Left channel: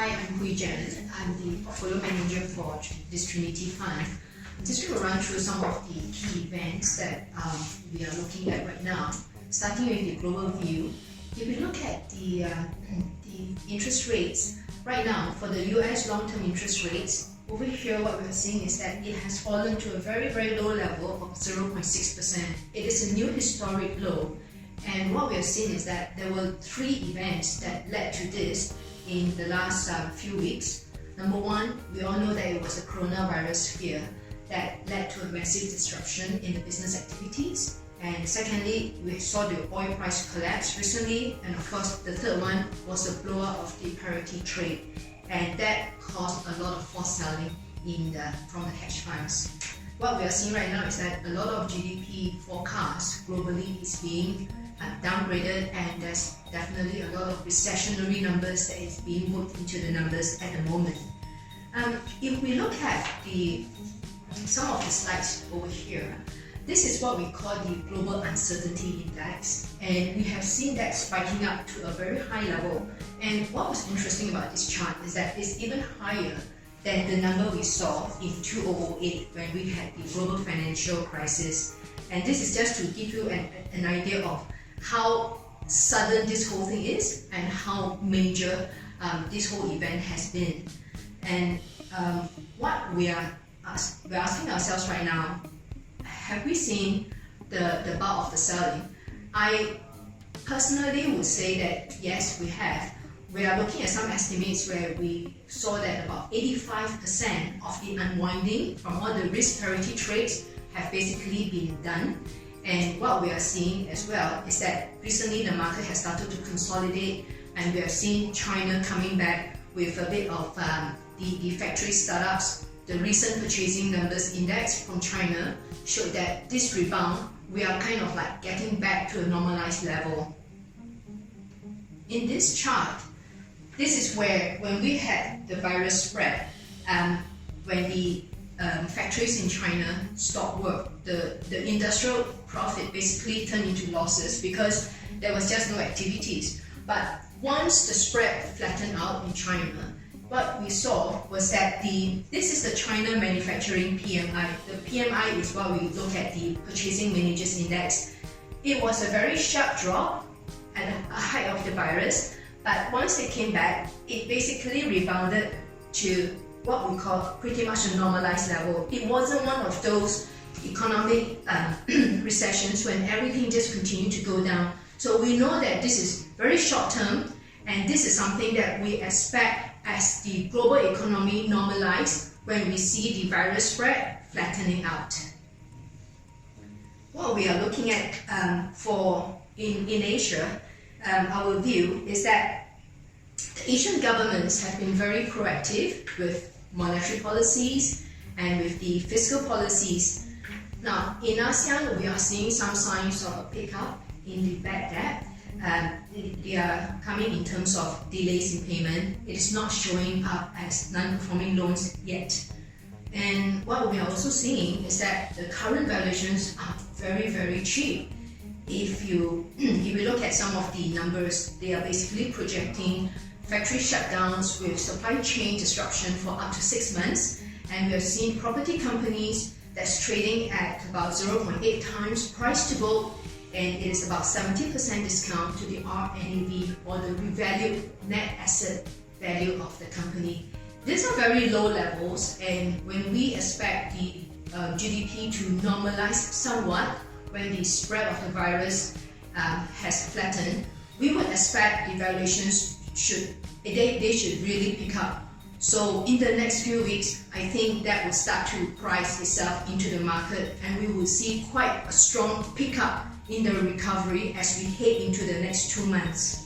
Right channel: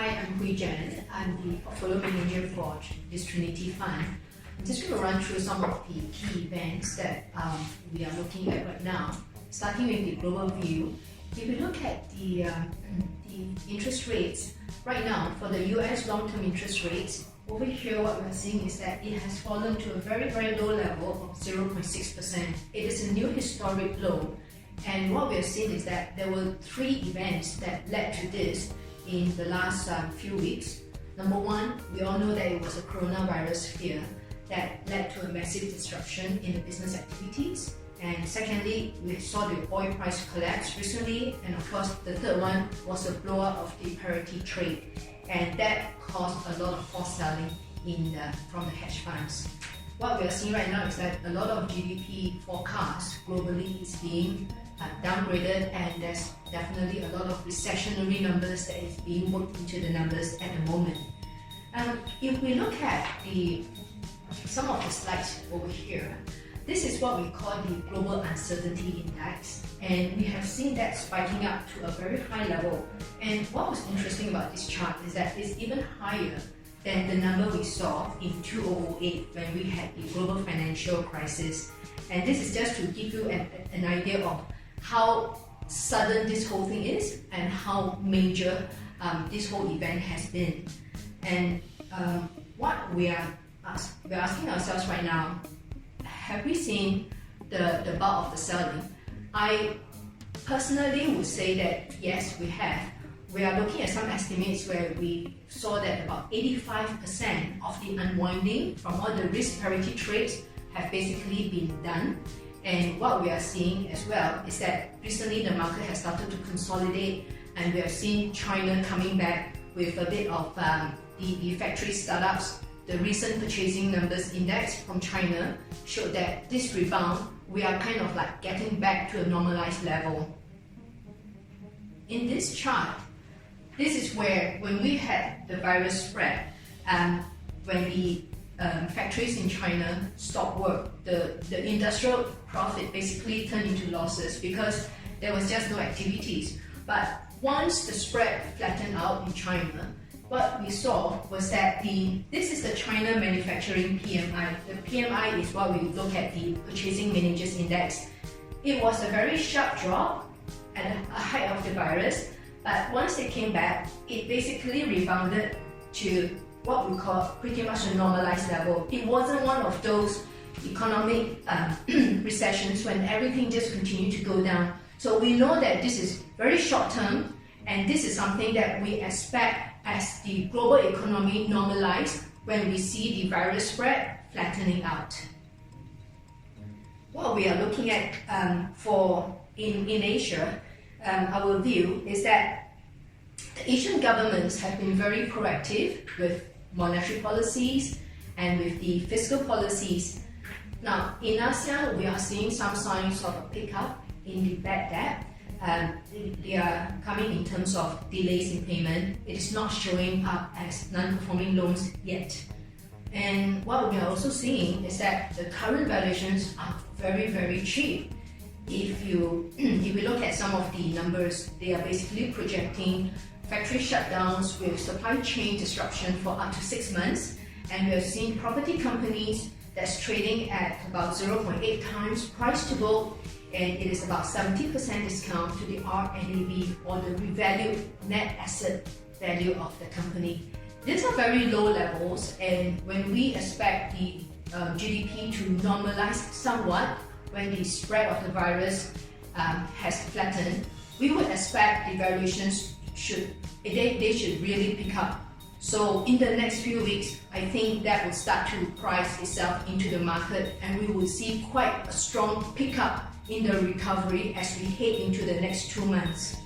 Hi, I'm Hweejan. I'm the portfolio manager for this Trinity Fund. I'm just going to run through some of the key events that we are looking at right now. Starting with the global view, if we look at the interest rates right now for the US long-term interest rates, over here what we are seeing is that it has fallen to a very, very low level of 0.6%. It is a new historic low. And what we are seeing is that there were three events that led to this in the last few weeks. Number one, we all know that it was a coronavirus fear that led to a massive disruption in the business activities. And secondly, we saw the oil price collapse recently. And of course, the third one was the blow up of the parity trade. And that caused a lot of forced selling from the hedge funds. What we are seeing right now is that a lot of GDP forecasts globally is being downgraded, and there's definitely a lot of recessionary numbers that is being worked into the numbers at the moment. If we look at some of the slides over here, this is what we call the Global Uncertainty Index, and we have seen that spiking up to a very high level. And what was interesting about this chart is that it's even higher than the number we saw in 2008 when we had the global financial crisis. And this is just to give you an idea of how sudden this whole thing is and how major this whole event has been. And what we're asking ourselves right now, have we seen the bulk of the selling? I personally would say that yes, we have. We are looking at some estimates where we saw that about 85% of the unwinding from all the risk parity trades have basically been done. And what we are seeing as well is that recently the market has started to consolidate, and we are seeing China coming back with a bit of the factory startups. The recent purchasing numbers index from China showed that this rebound, we are kind of like getting back to a normalized level. In this chart, this is where when we had the virus spread, when the factories in China stopped work, the industrial profit basically turned into losses because there was just no activities. But once the spread flattened out in China, what we saw was that this is the China manufacturing PMI. The PMI is what we look at the purchasing managers index. It was a very sharp drop at a height of the virus, but once it came back, it basically rebounded to what we call pretty much a normalized level. It wasn't one of those economic recessions when everything just continued to go down. So we know that this is very short term, and this is something that we expect as the global economy normalizes when we see the virus spread flattening out. What we are looking at in Asia, our view is that the Asian governments have been very proactive with monetary policies and with the fiscal policies. Now, in ASEAN, we are seeing some signs of a pickup in the bad debt. They are coming in terms of delays in payment. It is not showing up as non-performing loans yet. And what we are also seeing is that the current valuations are very, very cheap. If we look at some of the numbers, they are basically projecting factory shutdowns with supply chain disruption for up to 6 months. And we are seeing property companies that's trading at about 0.8 times price to book, and it is about 70% discount to the RNAV, or the revalued net asset value of the company. These are very low levels, and when we expect the GDP to normalize somewhat, when the spread of the virus has flattened, we would expect the valuations should really pick up. So in the next few weeks, I think that will start to price itself into the market, and we will see quite a strong pickup in the recovery as we head into the next 2 months.